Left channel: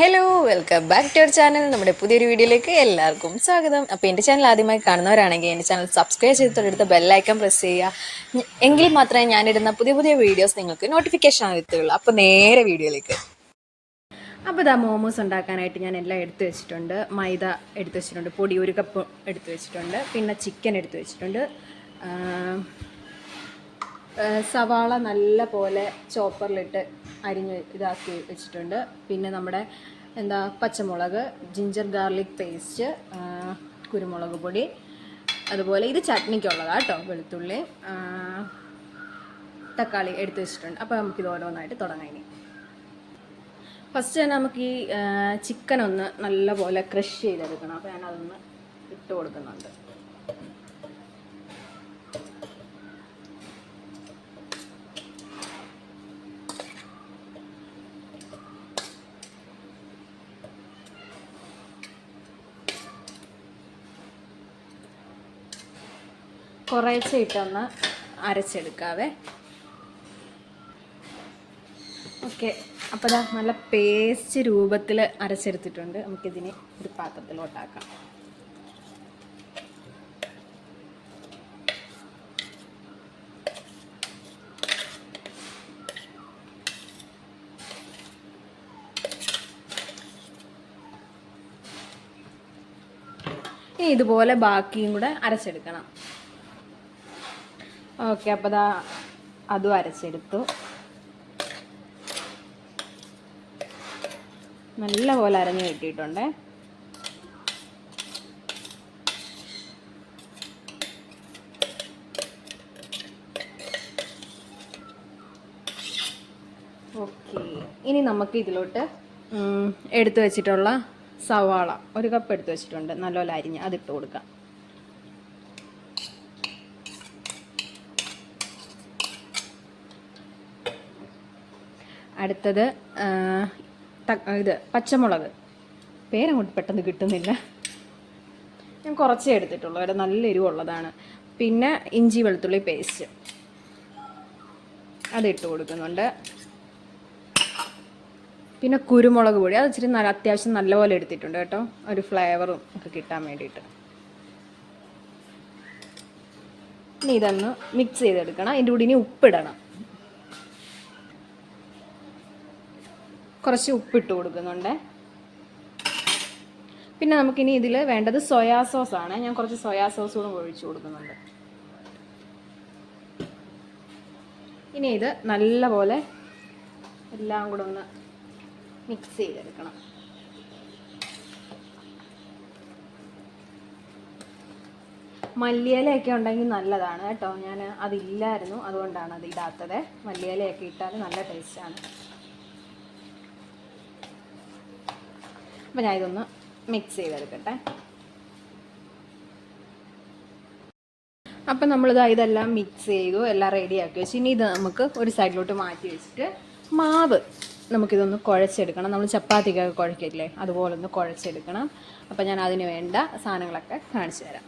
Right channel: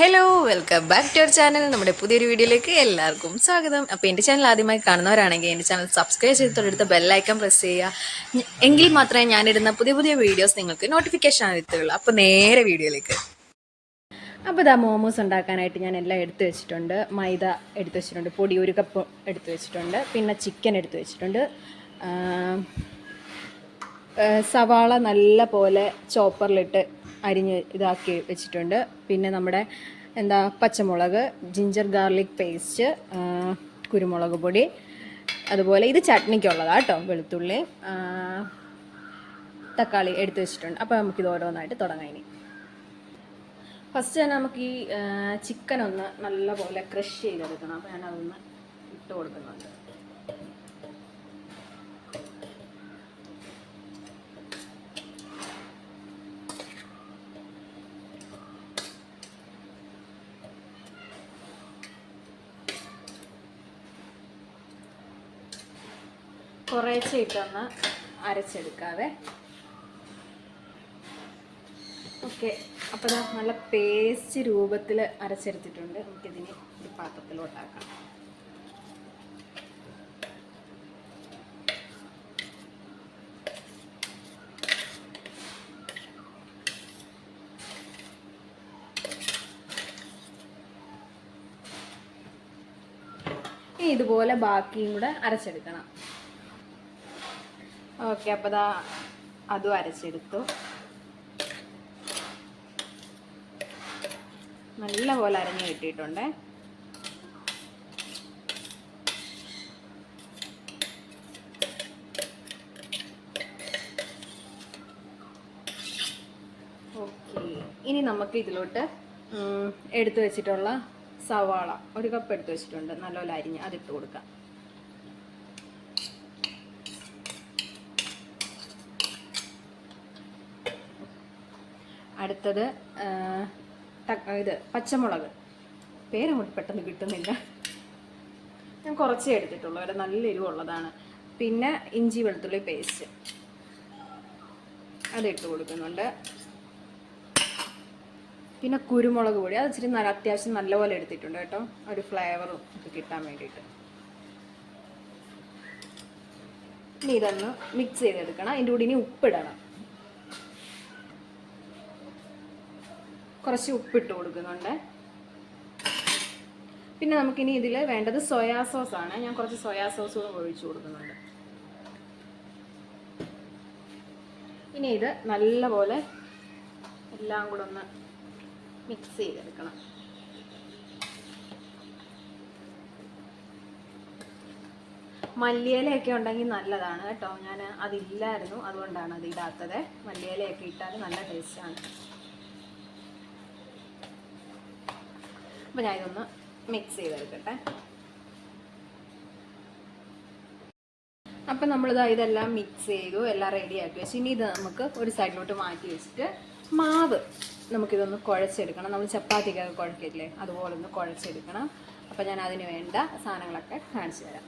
Hello, welcome back to our channel. നമ്മുടെ പുതിയൊരു വീഡിയോയിലേക്ക് എല്ലാവർക്കും സ്വാഗതം. അപ്പോൾ എൻ്റെ ചാനൽ ആദ്യമായി കാണുന്നവരാണെങ്കിൽ എൻ്റെ ചാനൽ സബ്സ്ക്രൈബ് ചെയ്ത് തൊട്ടടുത്ത ബെല്ലൈക്കൺ പ്രസ് ചെയ്യുക. എങ്കിൽ മാത്രമേ ഞാനിടുന്ന പുതിയ പുതിയ വീഡിയോസ് നിങ്ങൾക്ക് നോട്ടിഫിക്കേഷൻ എത്തുകയുള്ളൂ. അപ്പോൾ നേരെ വീഡിയോയിലേക്ക്. അപ്പോൾ ഇതാ മോമോസ് ഉണ്ടാക്കാനായിട്ട് ഞാൻ എല്ലാം എടുത്തു വെച്ചിട്ടുണ്ട്. മൈദ എടുത്തു വെച്ചിട്ടുണ്ട്, പൊടി 1 കപ്പ് എടുത്തു വെച്ചിട്ടുണ്ട്, പിന്നെ ചിക്കൻ എടുത്തു വെച്ചിട്ടുണ്ട്, സവാള നല്ല പോലെ ചോപ്പറിലിട്ട് അരിഞ്ഞ് ഇതാക്കി വെച്ചിട്ടുണ്ട്, പിന്നെ നമ്മുടെ പച്ചമുളക്, ജിഞ്ചർ ഗാർലിക് പേസ്റ്റ്, കുരുമുളക് പൊടി, അതുപോലെ ഇത് ചട്നിക്കുള്ളതാണ് കേട്ടോ, വെളുത്തുള്ളി, തക്കാളി എടുത്തു വെച്ചിട്ടുണ്ട്. അപ്പോൾ നമുക്കിത് ഓരോന്നായിട്ട് തുടങ്ങാം. ഇനി ഫസ്റ്റ് തന്നെ നമുക്ക് ഈ ചിക്കൻ ഒന്ന് നല്ലപോലെ ക്രഷ് ചെയ്തെടുക്കണം. അപ്പോൾ ഞാനതൊന്ന് ഇട്ട് കൊടുക്കുന്നുണ്ട്. കുറേശ്ശെ ഇട്ടൊന്ന് അരച്ചെടുക്കാവേ. ഓക്കെ, അപ്പോൾ നല്ല പേസ്റ്റ് രൂപത്തിൽ അരച്ചെടുത്തിട്ടുണ്ട്. നമുക്കിതിനെ ഒരു പാത്രത്തിലോട്ടാക്കാം. ഇനി ഇതുപോലെ ബാക്കിയും കൂടെ അരച്ചെടുക്കണം. ഓക്കെ, അപ്പോൾ അതും അരച്ചെടുത്തു. നല്ല പോലെ അരഞ്ഞു കിട്ടിയിട്ടുണ്ട്. ഓക്കെ, ഇനി നമുക്ക് ഇതിലോട്ട് എടുത്തു വെച്ചിട്ടുള്ള സവാള 1 കപ്പ് എടുത്തു വെച്ചിട്ടുണ്ട്, നല്ലപോലെ അരിഞ്ഞ് അതിട്ട് കൊടുക്കാം. അടുത്തത് ഇത് പച്ചമുളക്, പേരങ്ങോട്ട് പെട്ടെന്ന് കിട്ടുന്നില്ല, ഞാൻ കുറച്ചേ എടുത്തിട്ടുള്ളൂ, ഒരു നല്ല എരിവുള്ളതാണ്. പിന്നെ ഇഞ്ചി വെളുത്തുള്ളി പേസ്റ്റ് അതിട്ട് കൊടുക്കുന്നുണ്ട്. പിന്നെ കുരുമുളക് പൊടി, അത് ഇച്ചിരി അത്യാവശ്യം നല്ലപോലെ എടുത്തിട്ടുണ്ട് കേട്ടോ, ഒരു ഫ്ലേവറും ഒക്കെ കിട്ടാൻ വേണ്ടിയിട്ട്. ഇനി ഇതൊന്ന് മിക്സ് ചെയ്തെടുക്കണം. അതിൻ്റെ കൂടി ഇനി ഉപ്പിടണം. കുറച്ച് ഉപ്പിട്ട് കൊടുക്കുന്നുണ്ട്. പിന്നെ നമുക്കിനി ഇതിൽ വേണ്ടത് സോയാ സോസാണ്. ഞാൻ കുറച്ച് സോയാ സോസ് കൂടെ ഒഴിച്ചു കൊടുക്കുന്നുണ്ട്. ഇനി ഇത് നല്ലപോലെ എല്ലാം കൂടെ ഒന്ന് മിക്സ് ചെയ്തെടുക്കണം. മല്ലിയിലയൊക്കെ ഉണ്ടെങ്കിൽ നല്ലതാണ് കേട്ടോ, ഞാൻ അതില്ലായിരുന്നു, അതുകൊണ്ടാണ് അത് ഇടാത്തത്. മല്ലിയിലയൊക്കെ ഇട്ടാൽ നല്ല ടേസ്റ്റാണ്. അപ്പോൾ ഞാൻ ഇതൊന്ന് മിക്സ് ചെയ്തെടുക്കട്ടെ. അപ്പം ഇതെല്ലാം മിക്സ് ചെയ്തു, എല്ലാം റെഡിയാക്കി വെച്ച് ഇനി ഇത് നമുക്ക് ഒരു സൈഡിലോട്ട് മാറ്റി വെച്ചിട്ട് മാവ് നമുക്കിതൊന്ന് കുഴച്ചെടുക്കണം. നമ്മൾ ചപ്പാത്തിക്കൊക്കെ കുഴക്കില്ലേ, അതുപോലെ ഒന്ന് കുഴച്ചെടുക്കണം. അപ്പം ഞാൻ അതിന് വേണ്ട സാധനങ്ങളൊക്കെ കാണിച്ചു തരാം.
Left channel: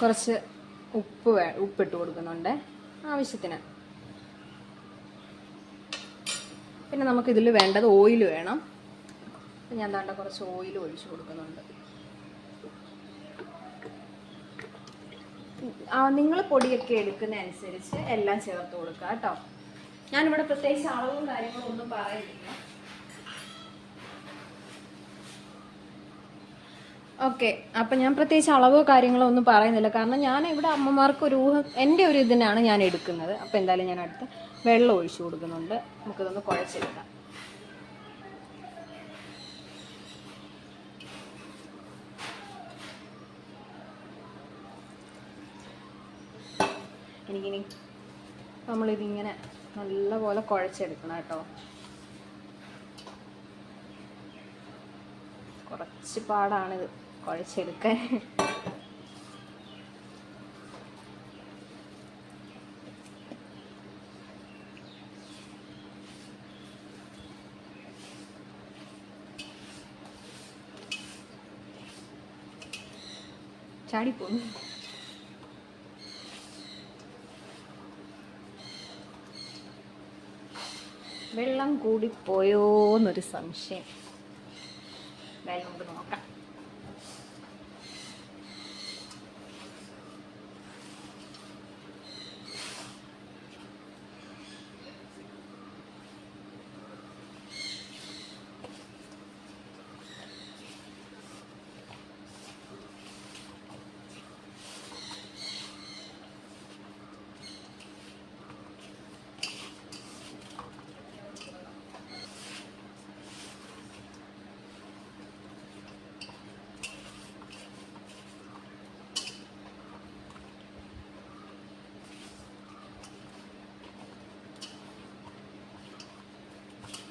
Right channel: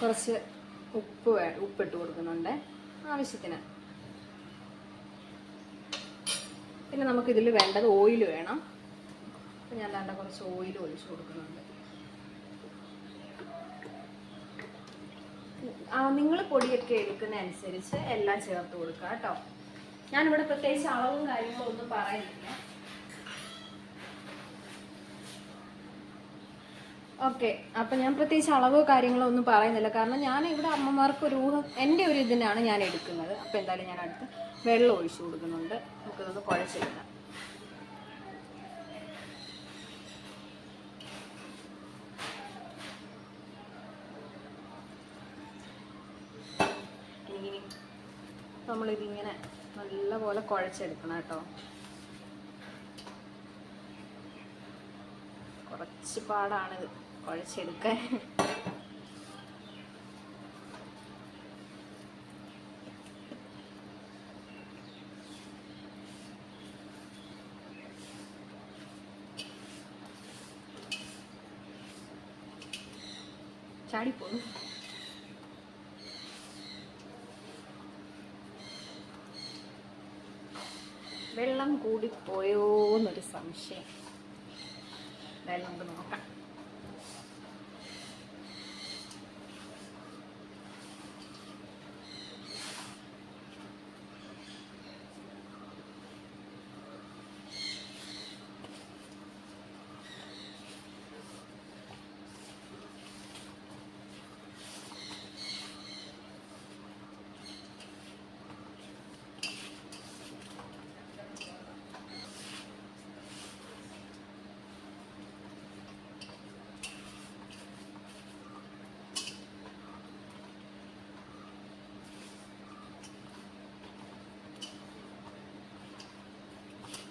കുറച്ച് ഉപ്പിട്ട് കൊടുക്കുന്നുണ്ട് ആവശ്യത്തിന്. പിന്നെ നമുക്കിതിൽ വേണ്ടത് ഓയിൽ വേണം. ഞാൻ കുറച്ച് ഓയിൽ ഒഴിച്ച് കൊടുക്കുന്നുണ്ട്. നിങ്ങൾ പൊടിയൊക്കെ എടുക്കുന്ന അനുസരിച്ച് എല്ലാം ചേർത്ത് കൊടുക്കുക കേട്ടോ. ഞാനിവിടെ പ്രത്യേകിച്ച് അളവും കാര്യങ്ങളും ഒന്നും പറയുന്നില്ല. ഓക്കെ, അപ്പം ഞാൻ പ്രത്യേകിച്ച് അളവോ കാര്യങ്ങളോ ഒന്നും പറയുന്നില്ല, കാരണം ഞാൻ ഇവിടെ അമ്മമാർക്ക് എൻ്റെ ഒരു ഇതിനാണ് ഞാൻ എടുക്കുന്നത്. അപ്പോൾ എന്തായാലും ഞാൻ അടുത്ത് വെള്ളം ഒഴിച്ചു കൊടുക്കുന്നുണ്ട്. നമുക്കിതൊന്ന് കുഴച്ചെടുക്കാം. എനിക്കിനി നമ്മളിതിങ്ങനെ നല്ലപോലെ കുഴച്ചെടുക്കണം കേട്ടോ. കുറച്ച് പാടാണിത് കുഴച്ചെടുക്കാൻ. ചാടിപ്പോകും. വെള്ളം കൂടിപ്പോയോ എന്നൊരു സംശയം. എന്തായാലും നമുക്ക് നോക്കാം.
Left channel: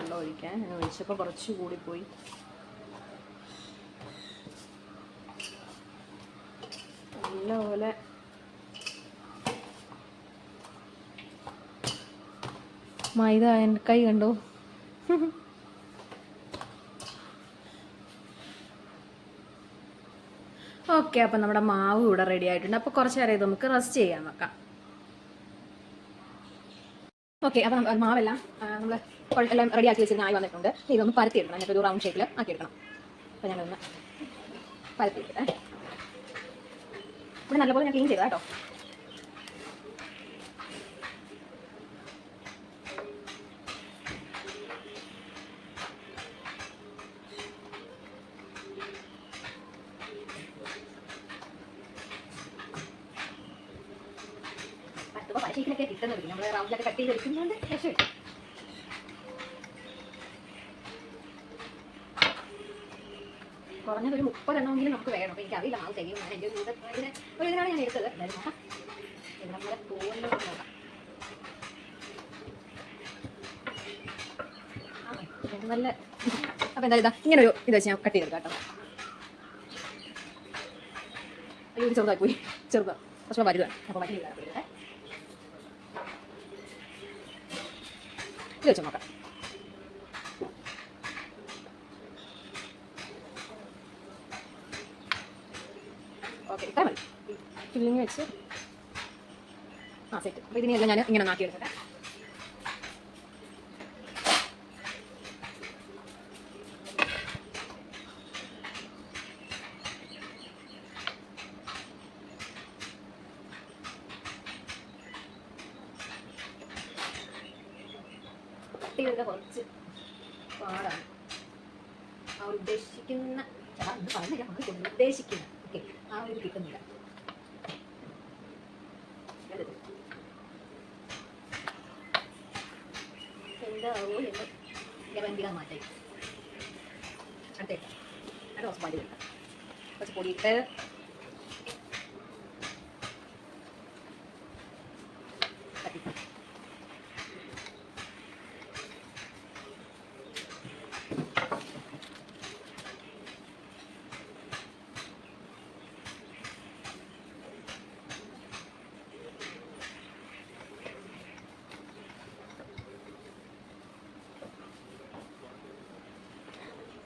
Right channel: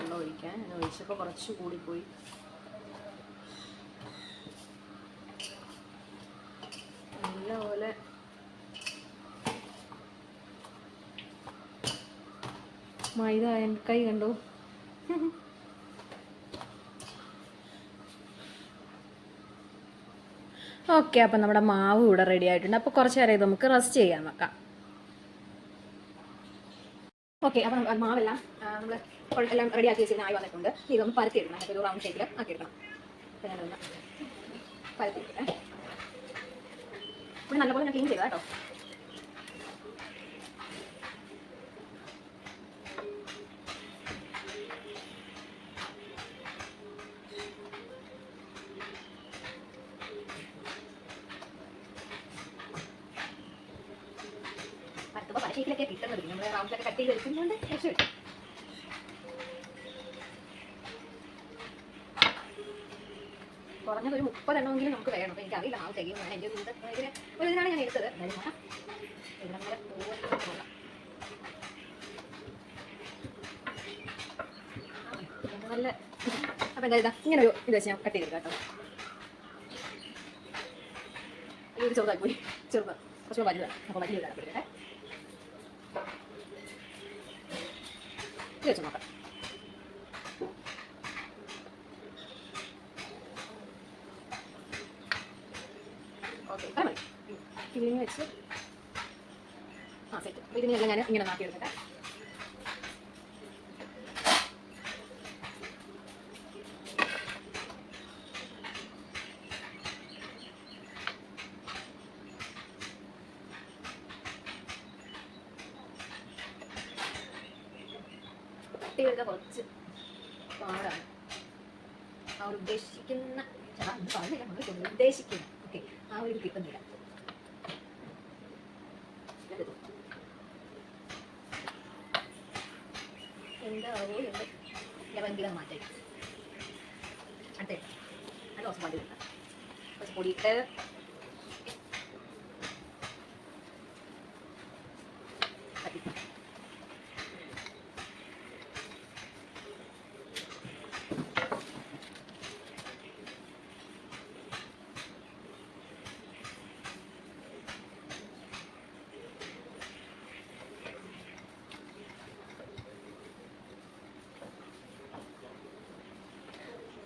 വെള്ളം ഒഴിക്കാൻ ഒഴിച്ചപ്പോൾ കുറച്ച് കൂടിപ്പോയി. നല്ലപോലെ മൈദ കൈ കണ്ടോ. ഓക്കെ, അപ്പം നമ്മുടെ മാവ് ഇവിടെ റെഡി ആയിട്ടുണ്ട്. അപ്പോൾ കുറച്ച് നേരം ഇത് നമുക്ക് റെസ്റ്റ് ചെയ്യാൻ വെക്കാം. ഓക്കെ, അപ്പം മാവെല്ലാം നമ്മൾ എല്ലാം റെഡി ആക്കി വെച്ചിരുന്ന ആയി വന്നിട്ടുണ്ട്. ഇതൊന്ന് പരത്തിയിടണം. അതിനൊക്കെ ഒരു റൗണ്ട് ഷേപ്പിൽ ആക്കിയെടുക്കണം. അപ്പോൾ ഞാനൊന്ന് പരത്തിയിട്ടെ. ഇവിടെ നല്ലപോലെ ഞാൻ ക്ലീൻ ചെയ്താൽ കേട്ടോ. പരത്തുമ്പോൾ പല ഷേപ്പിലൊക്കെ കിട്ടുന്നത്. നമ്മൾ റൗണ്ടിലൊക്കെ കട്ട് ചെയ്ത് എടുക്കുന്നുണ്ട്. രക്ഷപ്പെട്ടു. കുറഞ്ഞത് ഒരു 30 എണ്ണമെങ്കിലും നമുക്ക് വേണം. അപ്പോൾ എനിക്കറിയില്ല ആൾ തികയും. ഞാൻ എൻ്റെ ഒരു ഇതിനാണ് ഞാൻ എടുത്തത്. എന്തായാലും നോക്കാം. ഇവിടെ നല്ല തോന്നിൽ നോക്കാം. നല്ല അപ്പോൾ എന്താ ഇതാ ഇങ്ങനെ ഒരു ഇത് വെച്ച് ഞാൻ കട്ട് ചെയ്തെടുക്കാം കേട്ടോ. ഇത് ചെറുതായി പോയി. ചെറുതാണ് കുറച്ചുകൂടെ വലുതാണ്. അപ്പോൾ വലിയ ഇതാണ് ഇത് വെച്ച് നോക്കാം. ഓക്കെ, കാരണം ഫില്ലിങ് വെച്ച് സെറ്റ്. അപ്പോൾ ഇതിനെല്ലാം ഞാൻ ഇങ്ങനെ നാട്ടിയെടുക്കട്ടെ. കട്ട് ചെയ്ത കുറച്ച് പാടാണ്. ആ ഒരു ഉദ്ദേശിക്കുന്ന പറഞ്ഞില്ല, നമ്മൾ ഉദ്ദേശിക്കുന്ന ഓക്കെ ആ ഒരു ഇത് കിട്ടുന്നില്ല. എന്താവോ എന്ന് ഗവന്തികൾ മാറ്റായി. അടുത്ത റോസ് പാടി കിട്ടാം. കുറച്ച് പൊടിയിട്ട് കത്തിക്കാം.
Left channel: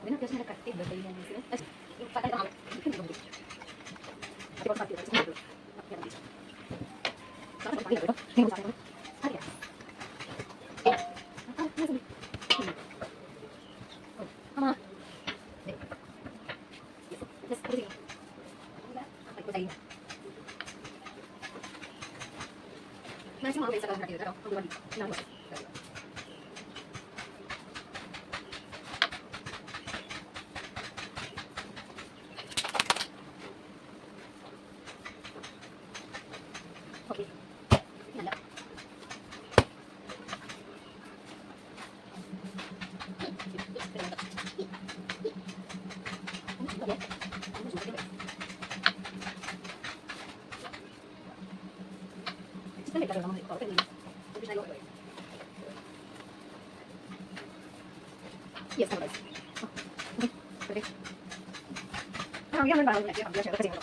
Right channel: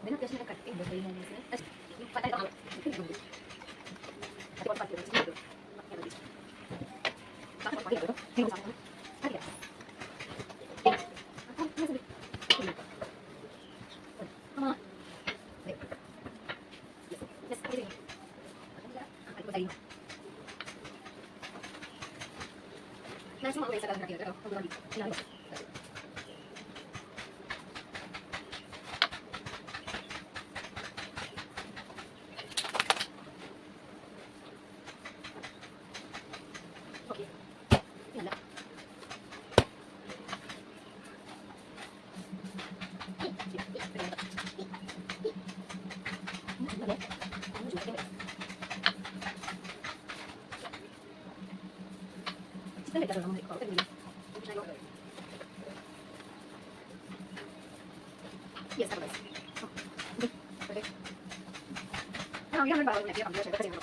ഇതിന് അത്യാവശ്യം നല്ല കട്ടി ഉണ്ട്. നല്ല yes, I'm right. Okay, ready? I'm going to buy it. I'm going to buy it.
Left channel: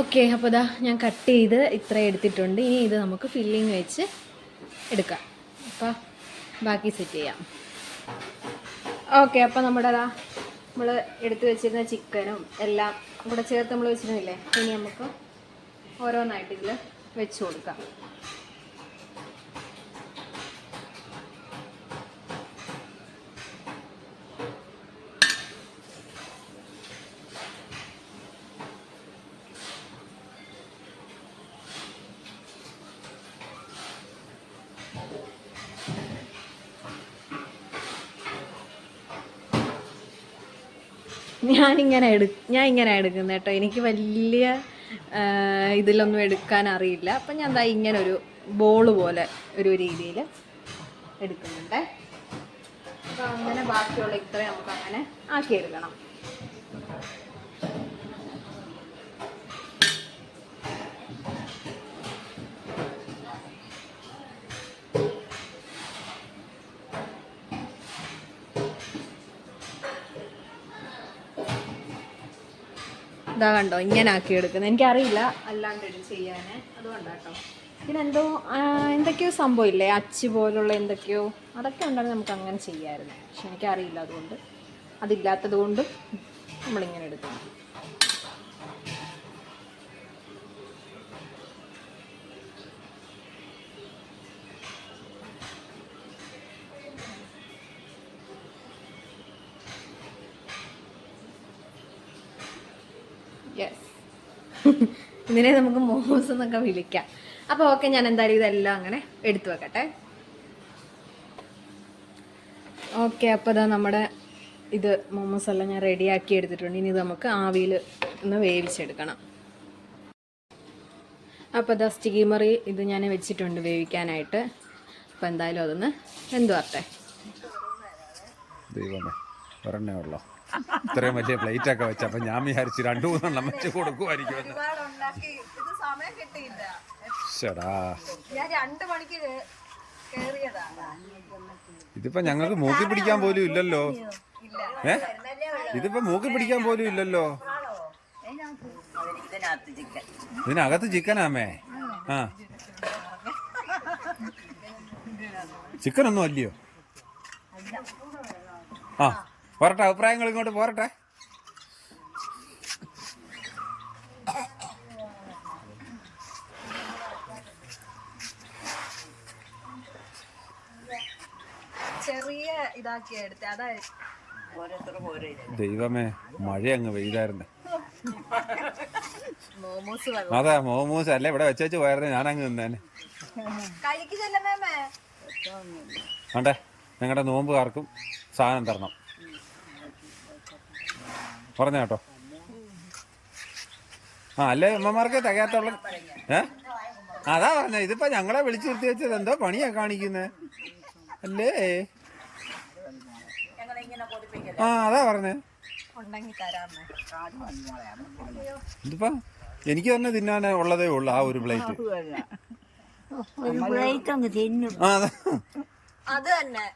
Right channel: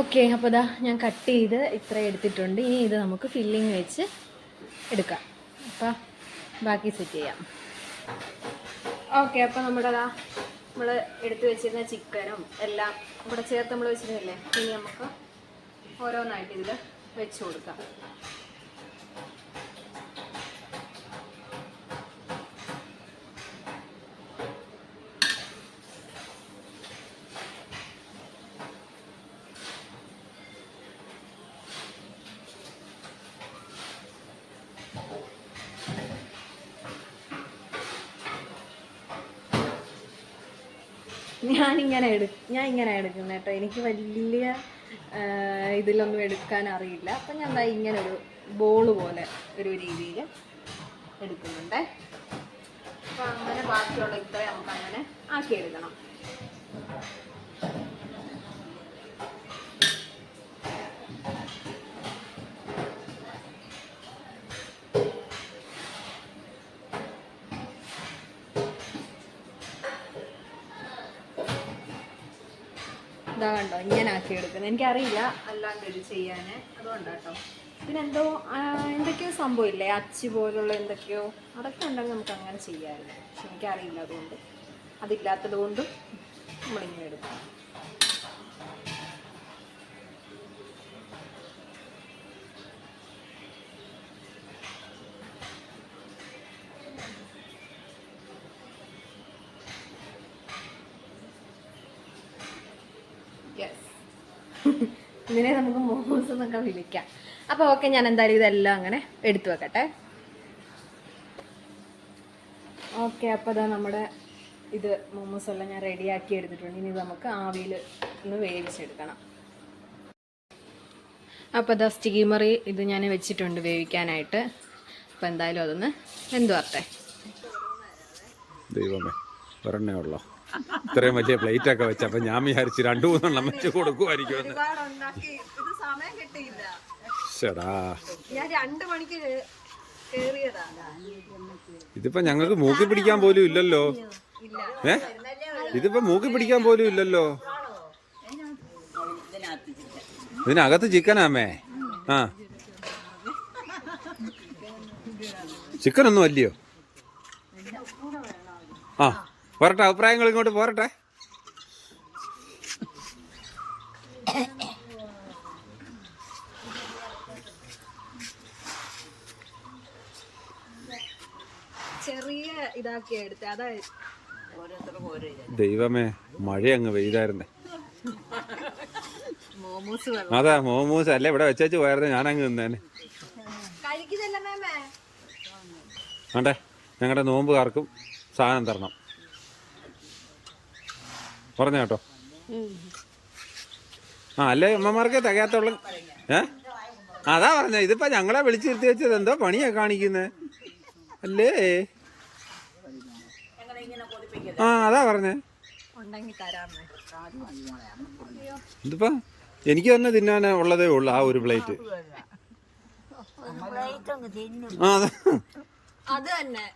Okay, അപ്പോൾ ഇതാ ഞാൻ കട്ട് ചെയ്ത് ഇത്ര എടുത്തിട്ടുണ്ട്. ഇനി ഇത് നമുക്ക് ഫില്ലിങ് വെച്ച് എടുക്കാം. അപ്പോൾ ബാക്കി സെറ്റ് ചെയ്യാം. ഓക്കെ, അപ്പോൾ നമ്മൾ എടുത്ത് വെച്ചിരുന്ന ചിക്കനും എല്ലാം കൂടെ ചേർത്ത് നമ്മൾ വെച്ചിരുന്നില്ലേ, ഇനി നമുക്ക് ഓരോന്നായിട്ട് ഇതിൽ വെച്ച് കൊടുക്കാം. ഞാൻ ഇങ്ങനെ എടുക്കുന്നത് കേട്ടോ. എനിക്ക് വലിയ ഇതിലൊന്നും എടുക്കാൻ അറിയില്ല. അപ്പം ഞാൻ എന്താ ഇങ്ങനെ ഒരു ബോള് പോലെ ഒരു രീതിയിൽ എടുക്കുന്നുണ്ട്. അപ്പോൾ അങ്ങനെ ബാക്കിയുള്ള ഇത്രയും നമുക്ക് അങ്ങനെ ആക്കിയെടുക്കണം. ഇതാ കണ്ടോ, ഇങ്ങനെ ആക്കിയെടുക്കുന്നത്. എനിക്കറിയില്ല അല്ലാണ്ട് ഇത് ചെയ്യാൻ, അതുകൊണ്ടാണ് കേട്ടോ. പിന്നെ എന്തൊക്കെയോ സംഭവം ഇല്ലേ, അച്ച് പോലുള്ള എന്തൊക്കെയോ, അതൊക്കെ ഉണ്ടെങ്കിൽ നമുക്ക് അങ്ങനെ ചെയ്യാമായിരുന്നു. പക്ഷെ എനിക്കറിയില്ല, അതുകൊണ്ട് അതില്ലാത്തത് കൊണ്ടും നമ്മളിങ്ങനെ എടുക്കണം. ഇതിനെ നമുക്ക് മോമോസ് എന്നൊക്കെ വിളിക്കാം. അപ്പോൾ ഓക്കെ, ഞാൻ എന്തായാലും ഇതെല്ലാം അങ്ങനെ എടുത്തു വെക്കട്ടെ. ഓക്കെ, അപ്പോൾ ഇതാ നമ്മുടെ ഇത് മോമോസ് എല്ലാം ഞാൻ റെഡിയാക്കി എടുത്തിട്ടുണ്ട്. ഇനി ഇത് നമുക്ക് ആവിയിൽ ഒന്ന് വേവിച്ചെടുക്കണം. അപ്പോൾ ഇതാ സ്റ്റീമറി ഇത് ഞാൻ വെച്ചിട്ടുണ്ട് വേവിക്കാനായിട്ട്. അപ്പോൾ എന്തായാലും അതൊന്ന് വെന്തുവരട്ടെ. ദൈവമേ, ഒരെണ്ണേ ഉള്ളോ? ഇത്രയും വലിയ പ്ലേറ്റ് ഒക്കെ വെച്ച, അപ്പൊ ഞാൻ വിചാരിച്ചു 2-3 വെച്ച് കൊടുക്കുമായിരിക്കും. ഇതിപ്പോ ഞങ്ങൾക്ക് മൂക്കി പിടിക്കാൻ പോലും ഇല്ലല്ലോ. ഇതിപ്പോ മൂക്കി പിടിക്കാൻ പോലും ഇല്ലല്ലോ. ഇതിനകത്ത് ചിക്കനാമേ. ആ, ചിക്കനൊന്നും അല്ലയോ? ആ, പോരട്ടെ, അഭിപ്രായങ്ങൾ ഇങ്ങോട്ട് പോരട്ടെ. ചെറിയ ഇതാക്കി എടുത്തേ, അതായത് ദൈവമേ, മഴ അങ്ങ് പെയ്തായിരുന്നേ. മോമോസ് അതാ മോമോസ് അല്ലേ ഇവിടെ വെച്ചു പോയായിരുന്നു, ഞാൻ അങ്ങ് നിന്നേനെ. വേണ്ടേ, ഞങ്ങളുടെ നോമ്പുകാർക്കും സാധനം തരണം പറഞ്ഞ കേട്ടോ. ആ, അല്ലേ അമ്മമാർക്ക് തികയാത്തുള്ള. അതാ പറഞ്ഞ, ഇതിപ്പോ ഞങ്ങളെ വിളിച്ചു നിർത്തി വെച്ചത് എന്തോ പണിയാ കാണിക്കുന്നേ അല്ലേ? ആ, അതാ പറഞ്ഞേ. ഇതിപ്പോ എനിക്ക് തന്നെ തിന്നാൻ ഉള്ളതേ ഉള്ളു ആ ഒരു പ്ലേറ്റ്. ആ, അത് തന്നെ,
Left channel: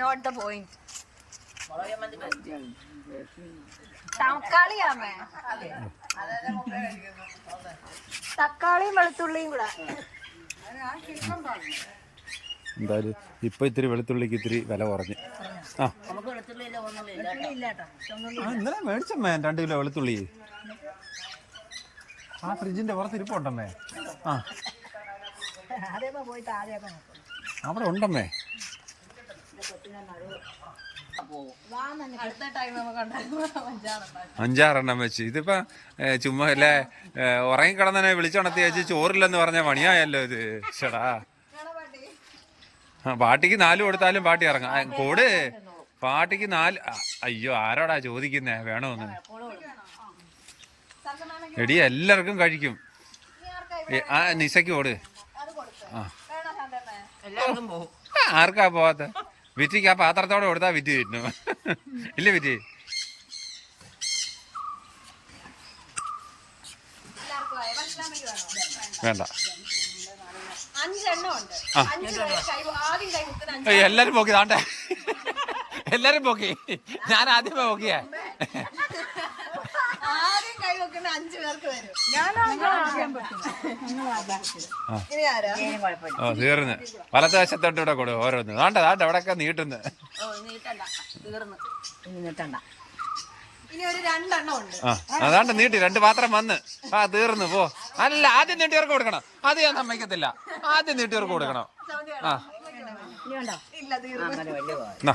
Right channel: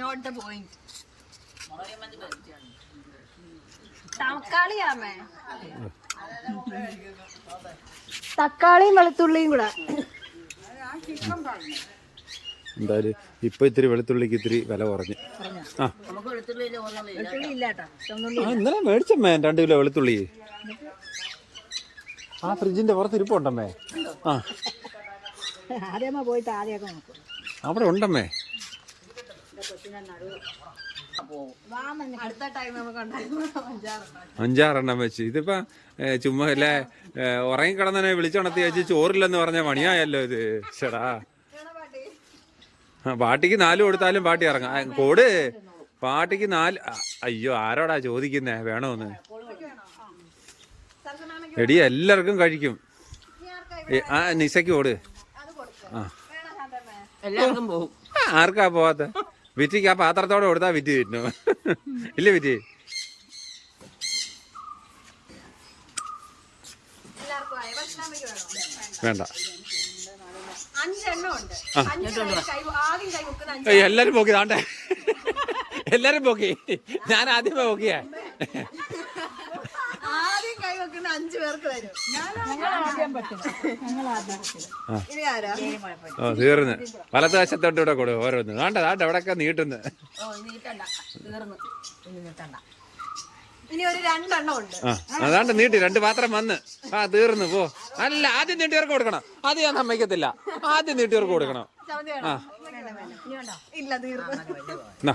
നോട്ട് ദ പോയിന്റ്. തക്കാളിയാമേ, തക്കാളിയും വെളുത്തുള്ളിയും കൂടെ. എന്തായാലും ഇപ്പൊ ഇത്തിരി വെളുത്തുള്ളിക്ക് ഇത്തിരി വില കുറഞ്ഞു. ആ, ഇന്നലെ മേടിച്ചമ്മേ 2 കിലോ വെളുത്തുള്ളി. ആ ഫ്രിഡ്ജിന്റെ പുറത്ത് ഇരിപ്പുണ്ടമ്മേ. ആ, അവിടെ ഉണ്ടമ്മേ. അടുത്ത ടൈം നമുക്ക് 5-6 വെച്ച്. ഇതിപ്പോ ചുമ്മാ അല്ലേ ഉറങ്ങിക്കിടന്നെ വിളിച്ചുണർത്തി വെച്ച് ചോറില്ലെന്ന് പറഞ്ഞ പണിയായല്ലോ ഇത്. ചേടാ, പാട്ടിക്ക് 4 കൊടുത്താലും പാട്ടി ഇറങ്ങാം. കോട് പാട്ടിക്ക് 4. അയ്യോ, ആരോടാ ചോദിക്കുന്നേ വേണോന്ന്? എടി, എല്ലാവർക്കും കഴിക്കും. ആ, നിശയ്ക്ക് ഓട്. ആ, ആർക്കാ പോവാത്ത? വിറ്റിക്ക് ആ പാത്രത്തോടെ കൊടുത്താ വിറ്റ് കിട്ടുന്നു. ഇല്ലേ വിറ്റ്? വേണ്ട, എല്ലാരും പോക്കി താണ്ടേ എല്ലാരും പോക്കി. ഞാൻ ആദ്യമേ പോക്കിയാ. ആദ്യം കൈ വെക്കുന്ന 5 പേർക്ക് വരും. ഇനി ആരാ? ഓ തീർന്ന്. വലത്ത് വശത്തോട്ട് ഇവിടെ കൊടുക്കും ഓരോന്ന്. വേണ്ട എവിടെയൊക്കെ നീട്ടുന്നു. ഇനി ഒരു 2 എണ്ണം ഉണ്ട്. അതാണ്ട് നീട്ടി 2 പാത്രം വന്ന്. തീർന്നു പോ. അല്ല ആദ്യം നീട്ടിയവർക്ക് കൊടുക്കണം. അത് ഞാൻ സമ്മതിക്കത്തില്ല. ആദ്യം നീട്ടിയവർക്ക് കൊടുക്കണം. ഇല്ല തീർന്നു.